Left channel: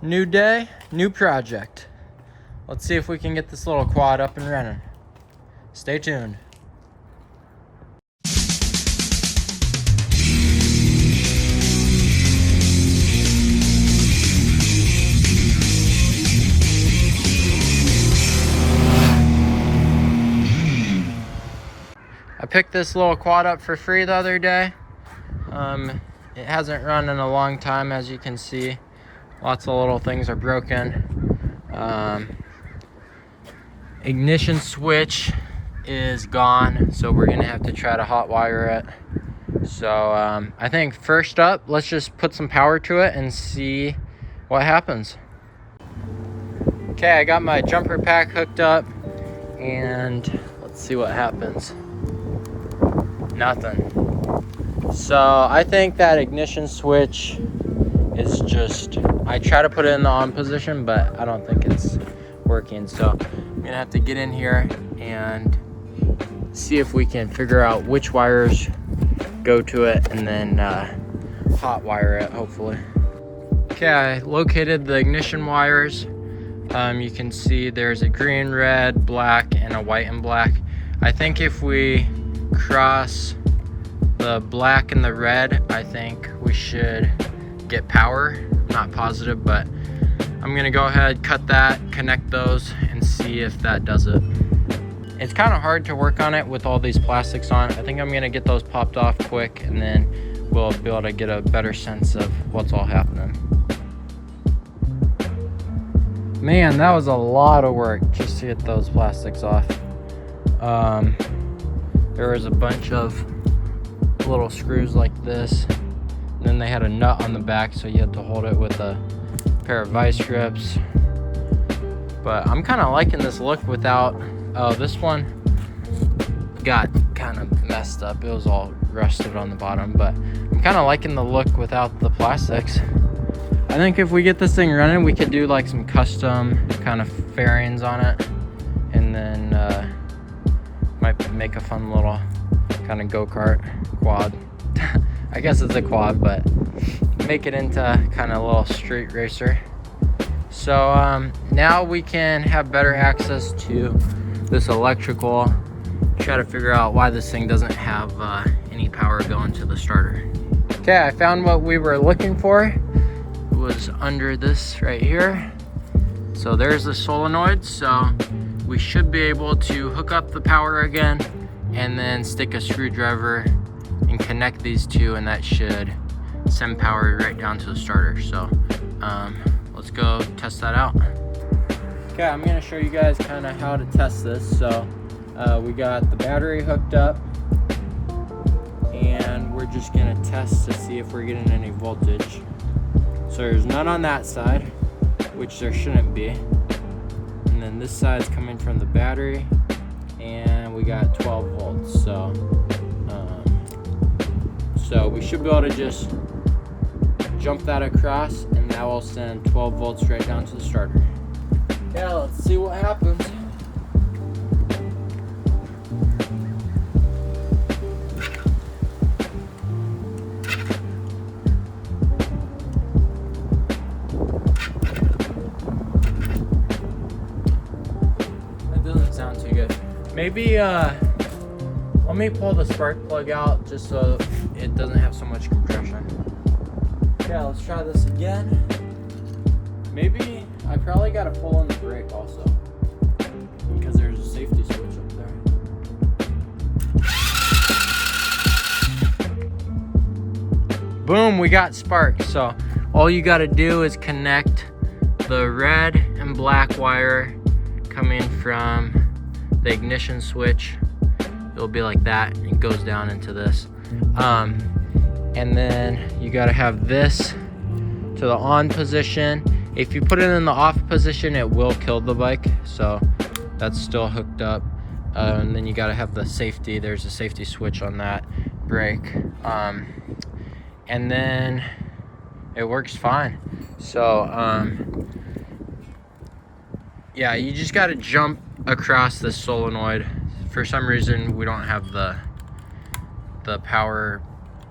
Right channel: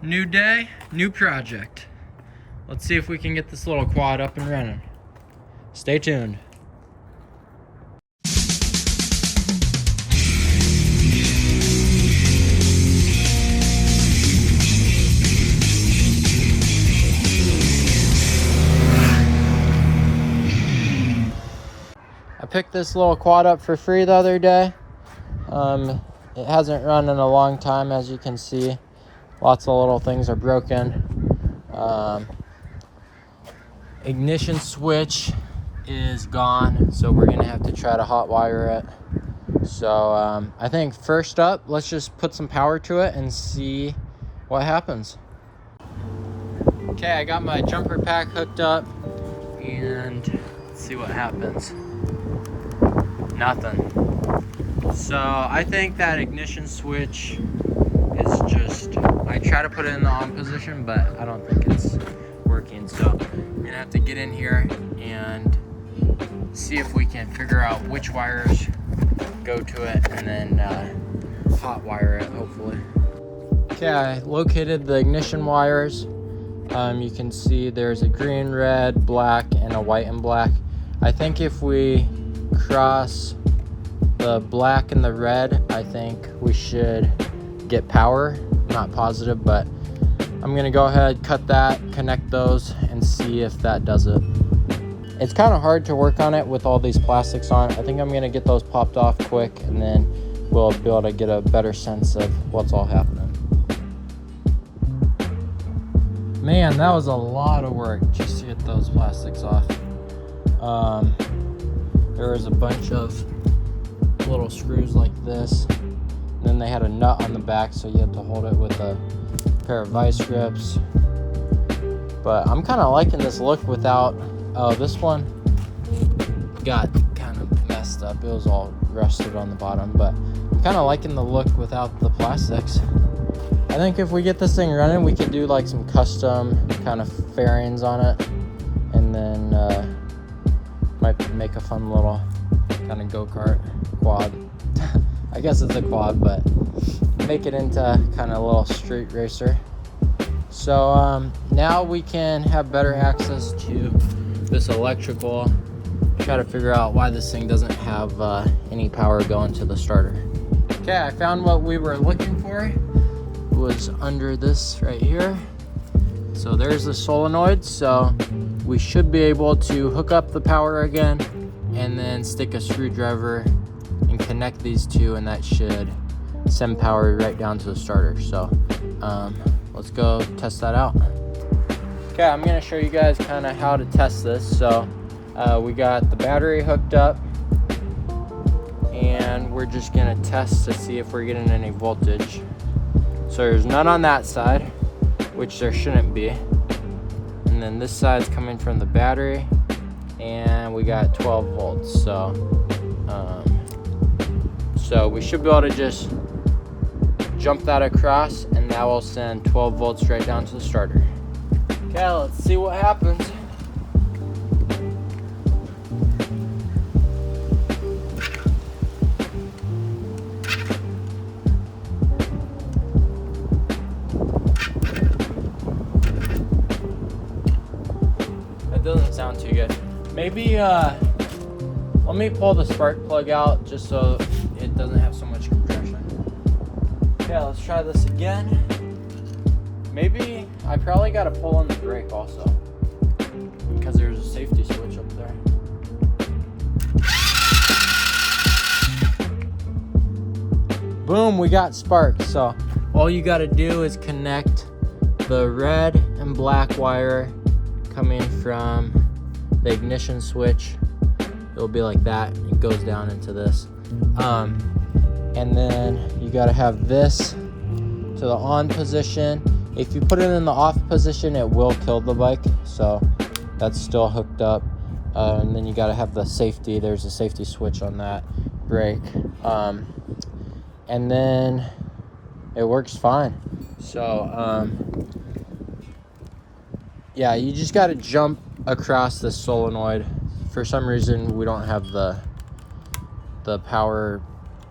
New day, new project. Let's see if we can get this little quad up and running. Stay tuned. I picked this little quad up for free the other day. It hasn't run in a long time, as you can see. Lots of little things are broken. Ignition switch is gone, so we're gonna have to try to hot wire it. So I think first up, let's just put some power to it and see what happens. Okay, I got my jumper pack hooked up, and let's see what happens. Nothing. So I think that ignition switch is just, I try to put it in the on position, but I don't think it's working. So I'm gonna have to get in here and see if we can figure out which wires go to it, and then hot wire it, hopefully. Okay, I located the ignition wires. You can see there's a green, red, black, and a white and black. I think if we cross the black and the red, I think we should get power. Not positive, but I'm gonna go ahead, cut that, connect those, and see if that does it. It's kind of hard to work on it with all these plastics on. I think I'm gonna get those popped off quick, and then we'll be able to get a better sense of what's all happening. Man, that was a lot of work just to get those plastics off. There was a bunch of little screws like this, and then they had a nut on the back, so you had to hold it with a pair of vice grips. But I'm kind of liking this look without, this one got kind of messed up. It was all rusted on the bottom, but I'm kind of liking the look without the plastics. I think if we get this thing running, we could do like some custom kind of fairings on it, and then might make a fun little kind of go-kart quad. I guess it's a quad, but make it into kind of a little street racer. So now we can have better access to this electrical, try to figure out why this thing doesn't have any power going to the starter. Okay, I found what we were looking for. It was under this right here. So there's the solenoid, so we should be able to hook up the power again, and then stick a screwdriver and connect these two, and that should send power right down to the starter. So let's go test that out. Okay, I'm gonna show you guys kind of how to test this. So we got the battery hooked up, and we're just gonna test to see if we're getting any voltage. So there's none on that side, which there shouldn't be, and then this side's coming from the battery, and we got 12 volts. So we should be able to just jump that across, and that will send 12 volts right down to the starter. Okay, let's see what happens. That doesn't sound too good. Maybe let me pull the spark plug out just so it doesn't have so much compression. Yeah, let's try this again. Maybe I probably gotta pull on the brake also, because there's a safety switch up there. Boom, we got spark. So all you gotta do is connect the red and black wire coming from the ignition switch. It'll be like that. It goes down into this. And then you got to have this to the on position. If you put it in the off position, it will kill the bike. So that's still hooked up. And then you got to have the safety. There's a safety switch on that brake. And then it works fine. So yeah, you just got to jump across the solenoid. For some reason, we don't have the power,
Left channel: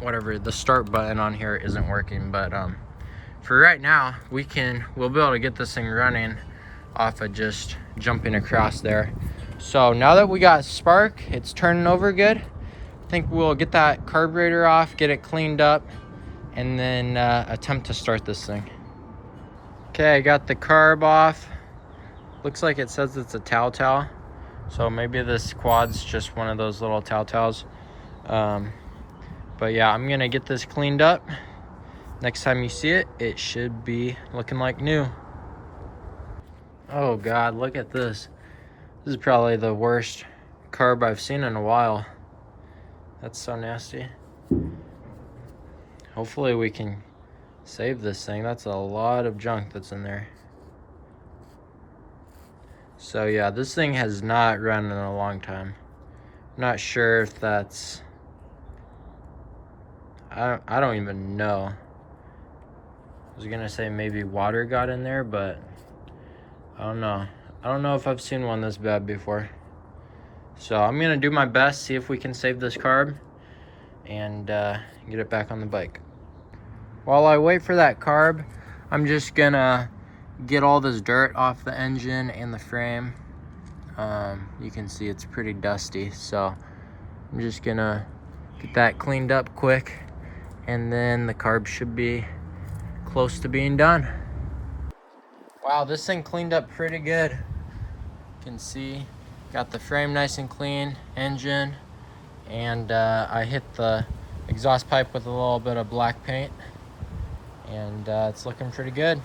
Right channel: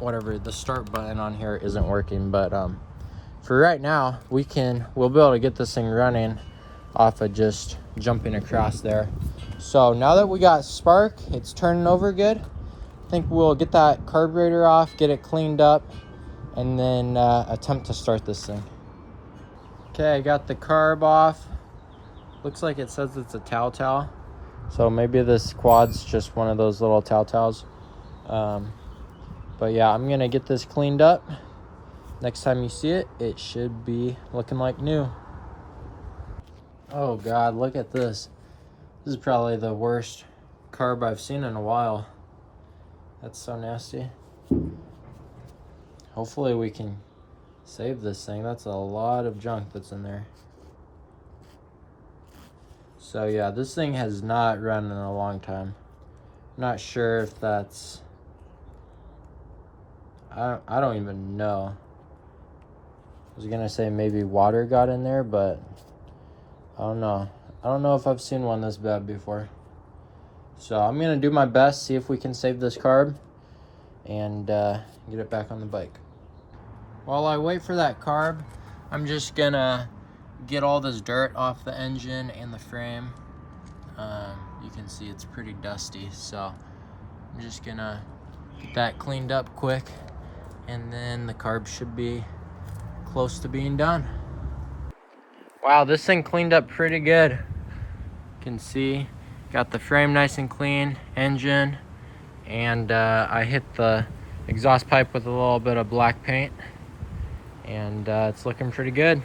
whatever, the start button on here isn't working, but for right now, we'll be able to get this thing running off of just jumping across there. So now that we got spark, it's turning over good. I think we'll get that carburetor off, get it cleaned up, and then attempt to start this thing. Okay, I got the carb off. Looks like it says it's a TaoTao. So maybe this quad's just one of those little TaoTaos. But yeah, I'm gonna get this cleaned up. Next time you see it, it should be looking like new. Oh God, look at this. This is probably the worst carb I've seen in a while. That's so nasty. Hopefully we can save this thing. That's a lot of junk that's in there. So yeah, this thing has not run in a long time. I'm not sure if that's... I don't even know. I was gonna say maybe water got in there, but I don't know. I don't know if I've seen one this bad before. So I'm gonna do my best, see if we can save this carb and get it back on the bike. While I wait for that carb, I'm just gonna get all this dirt off the engine and the frame. You can see it's pretty dusty, so I'm just gonna get that cleaned up quick, and then the carb should be close to being done. Wow, this thing cleaned up pretty good. You can see, got the frame nice and clean, engine, and I hit the exhaust pipe with a little bit of black paint, and it's looking pretty good.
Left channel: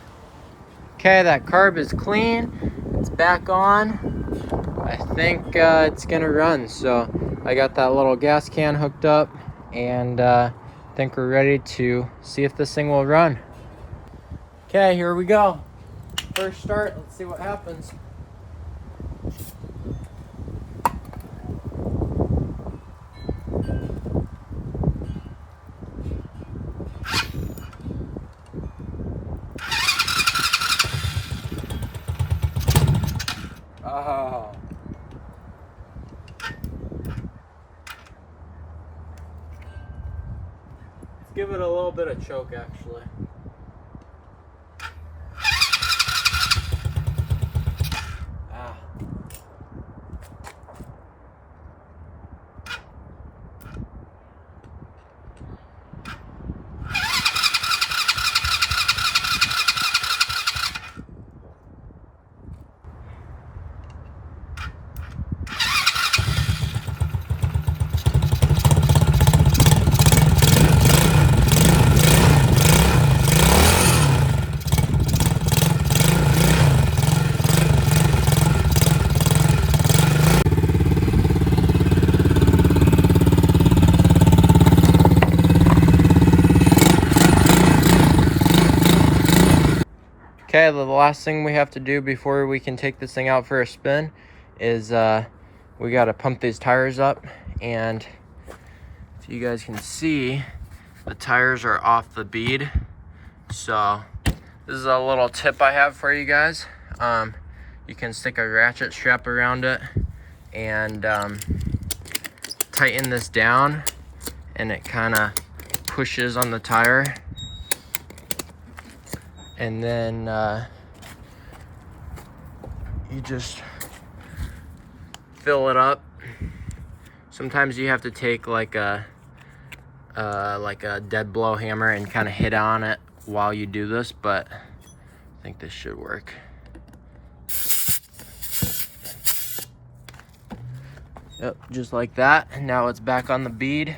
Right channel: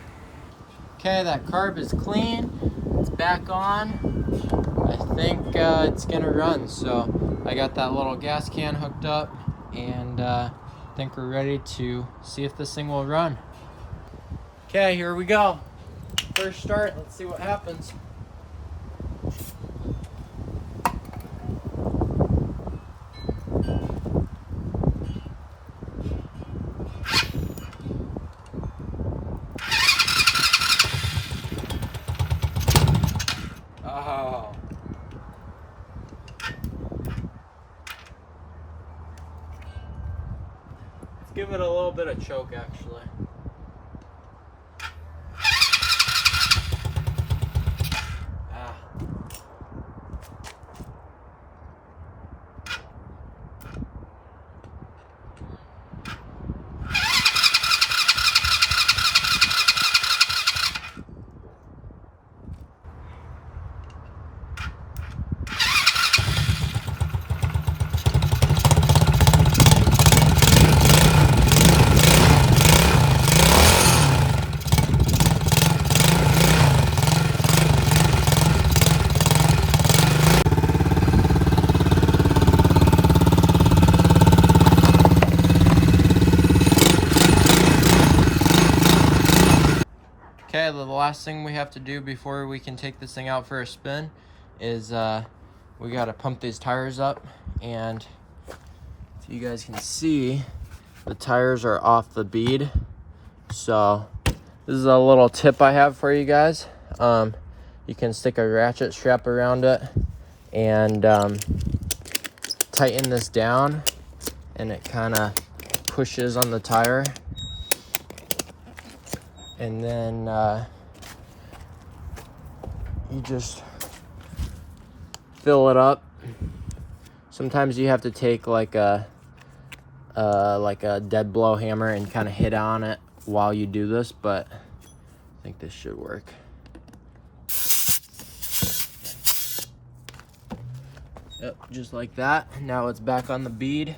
Okay, that carb is clean, it's back on. I think it's gonna run, so I got that little gas can hooked up, and I think we're ready to see if this thing will run. Okay, here we go. First start, let's see what happens. Oh. Let's give it a little bit of choke, actually. Okay, the last thing we have to do before we can take this thing out for a spin is we got to pump these tires up, and if you guys can see, the tires are off the bead. So this is a little tip I have for you guys. You can stick a ratchet strap around it and tighten this down, and it kind of pushes on the tire. And then you just fill it up. Sometimes you have to take like a dead blow hammer and kind of hit on it while you do this, but I think this should work. Yep, just like that. Now it's back on the bead.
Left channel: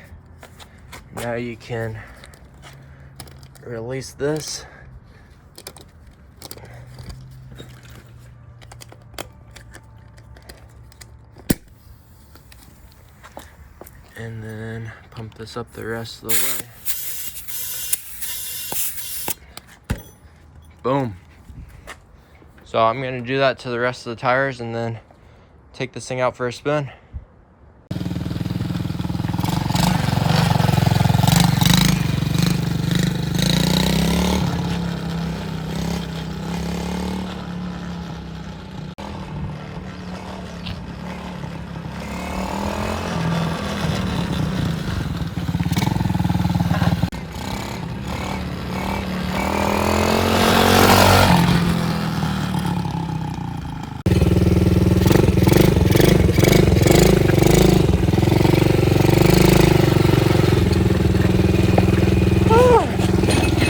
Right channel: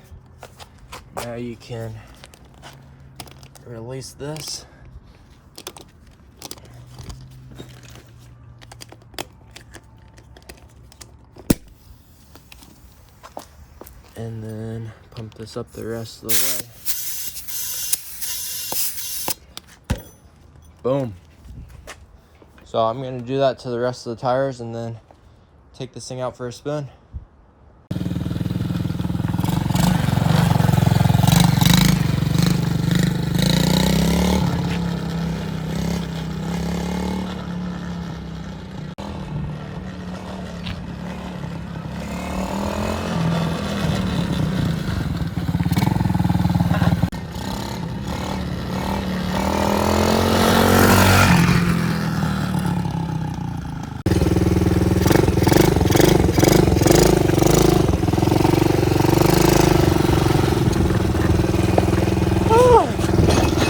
Now you can release this. And then pump this up the rest of the way. Boom. So I'm gonna do that to the rest of the tires and then take this thing out for a spin.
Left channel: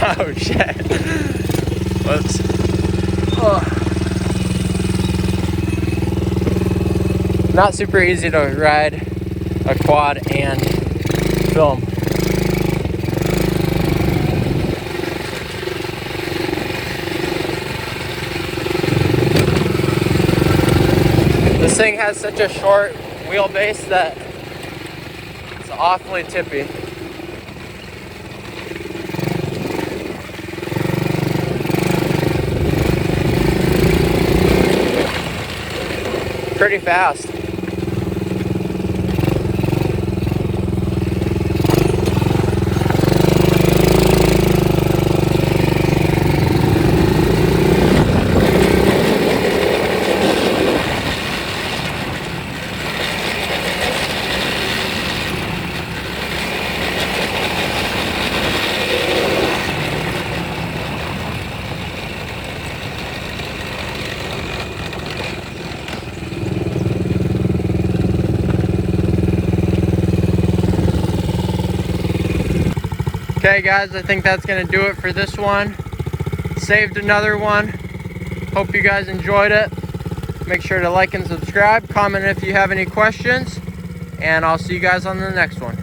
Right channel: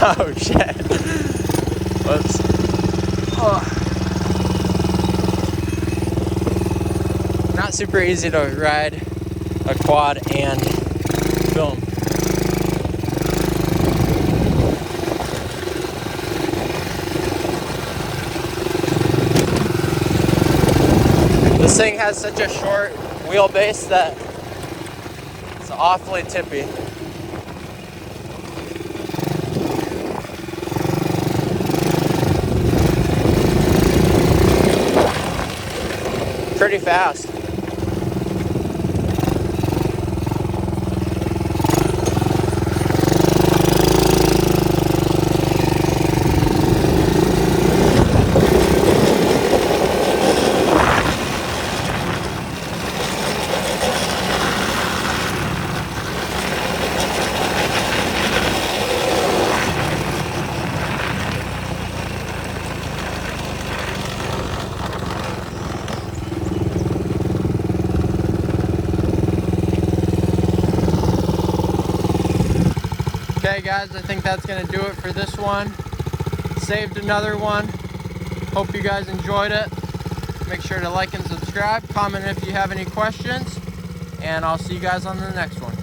Oh shit. Whoops. Oh. Not super easy to ride a quad and film. This thing has such a short wheelbase that it's awfully tippy. Pretty fast. Okay guys, I think that's gonna do it for this one. Saved another one. Hope you guys enjoyed it. Make sure to like and subscribe, comment if you have any questions, and I'll see you guys on the next one.